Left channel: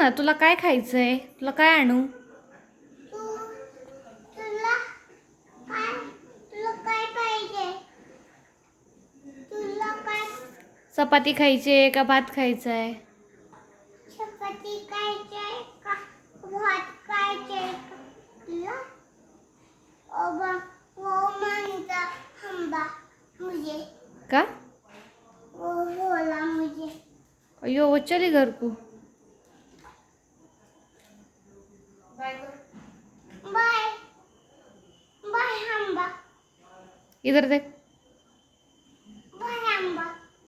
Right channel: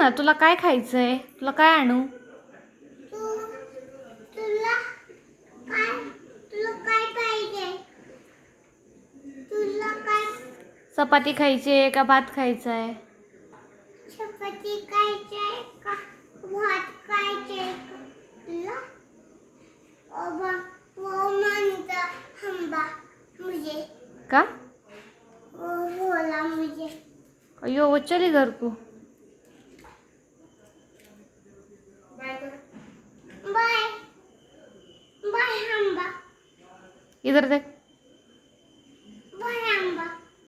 ना, तुला काय खायचंय? तुला काय आणू? तुला काय पाहिजे? तुला काय चपाती खायची आहे का भात खायचा आहे? चपाती खायची का भात खायचे तुला? वो म्हणता हंबा मुझे का? वो बोला मुझे अयो वो चली घर को. बाय बाय हंबा. इधर देख.